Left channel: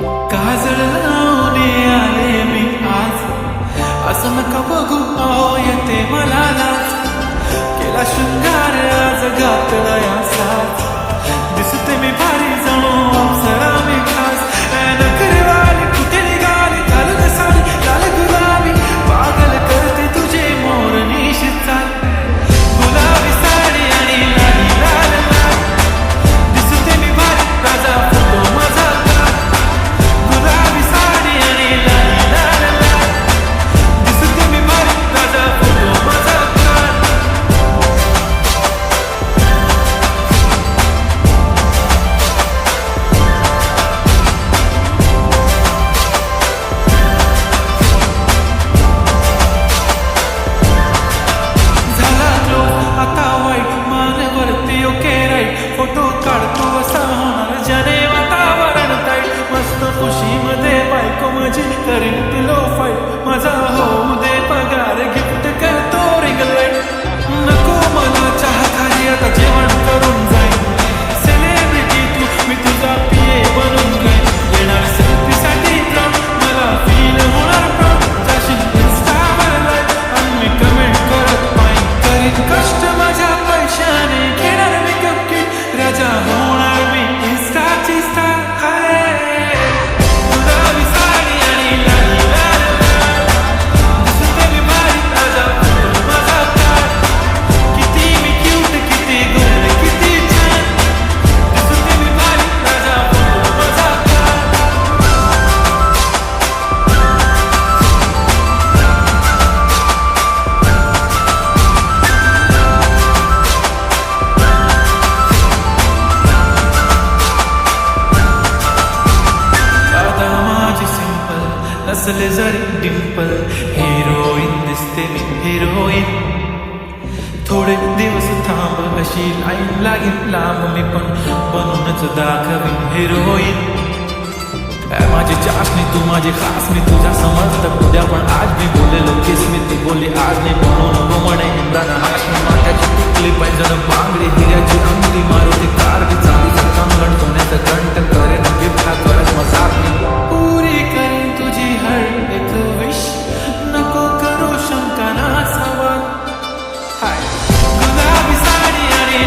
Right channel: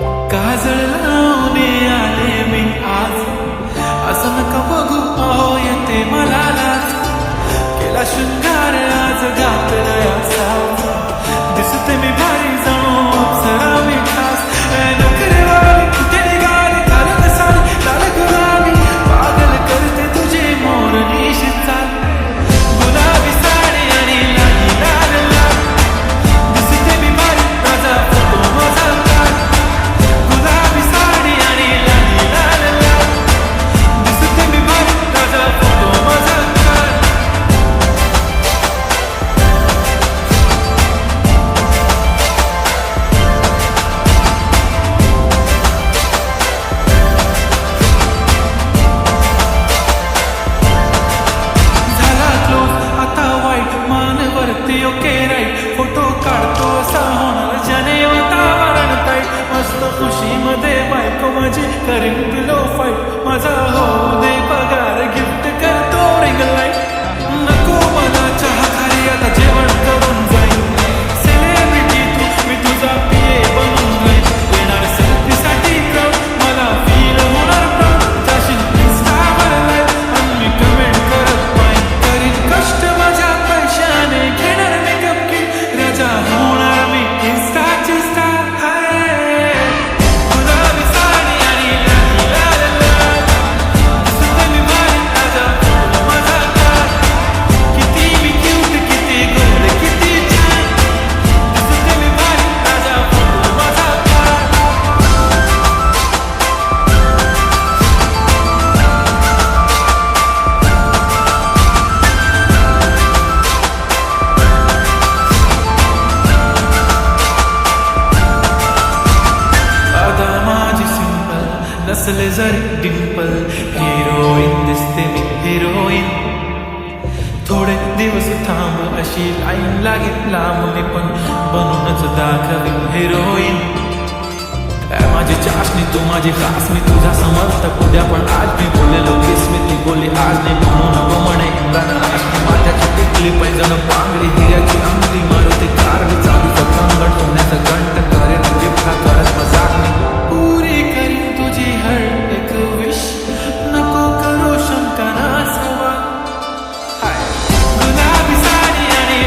काजळ लावणे आले मी आज, असं नका बघू अहो येते मला लाज. केला शृंगार आज घातला साज, दिसते मी भारी जणू अप्सरा मी खास. नखरेवाली कुठे निघाली घालून साडी लाल गुलाबी, पागल करते तुझे मोरनीशी चाल. गुलाबी साडी आणि लाली लाल लाल, दिसते मी भारी राजा फोटो माझा काढ. गुलाबी साडी आणि लाली लाल लाल, दिसते मी भारी राजा फोटो माझा काढ. आता वाईट मानवरती ओके राईट, फोटो काढतो असा होणार ज्याने वातावरण ताईट. मस्त खुशीमध्ये बायको माझी करीन पिलो फाईट, माझा होऊ दे पगार गिफ्ट करतो रिंग लाईट. नको मला चहा खारी आता जेवण करून जाईन, सेलिब्रिटी तू मी तुझा पिये बनून राहीन. येणार सेल्फी साठी क्राऊड, मला फील होणार प्राऊड. जाशील इन्स्टावर लाईव्ह आणि मी कमेंट करत पाहिन. करीन कष्ट माझ्या पैशाने, घेणार मेकअप किट, राजा होणार मी इन्स्टाची स्टार. हाय गुलाबी साडी आणि लाली लाल लाल, दिसते मी भारी राजा फोटो माझा काढ. किती मी क्यूट किती गोड किती छान, दिसते मी भारी राजा फोटो माझा काढ. आता माझी सिंपल नसले जरी डिंपल, हिरोईन दिसते मी हिरोईन. थोडे दिवस थांब अशी लाईन लागेल लांब, मी पण बनूनच दाखवीन हिरोईन. माझी चाशनी तू माझी खास, मी तुझा समर्थक उद्या पण आज मी बोललेलो किस मी ती बोलली आज नाही. म्हणून नको म्हणे इम्रान हाशमी, माथ्याची टिकली पैंजण बांगडी हिऱ्याची अंगठी, मारुती कारवी चांदीचं कंगण, सोन्याचं कंटन करेन गिफ्ट हा करत मजाक मी. पुरी करीन तुझी हर एक विश, नको करू शंका ना सवाल. हाय गुलाबी साडी आणि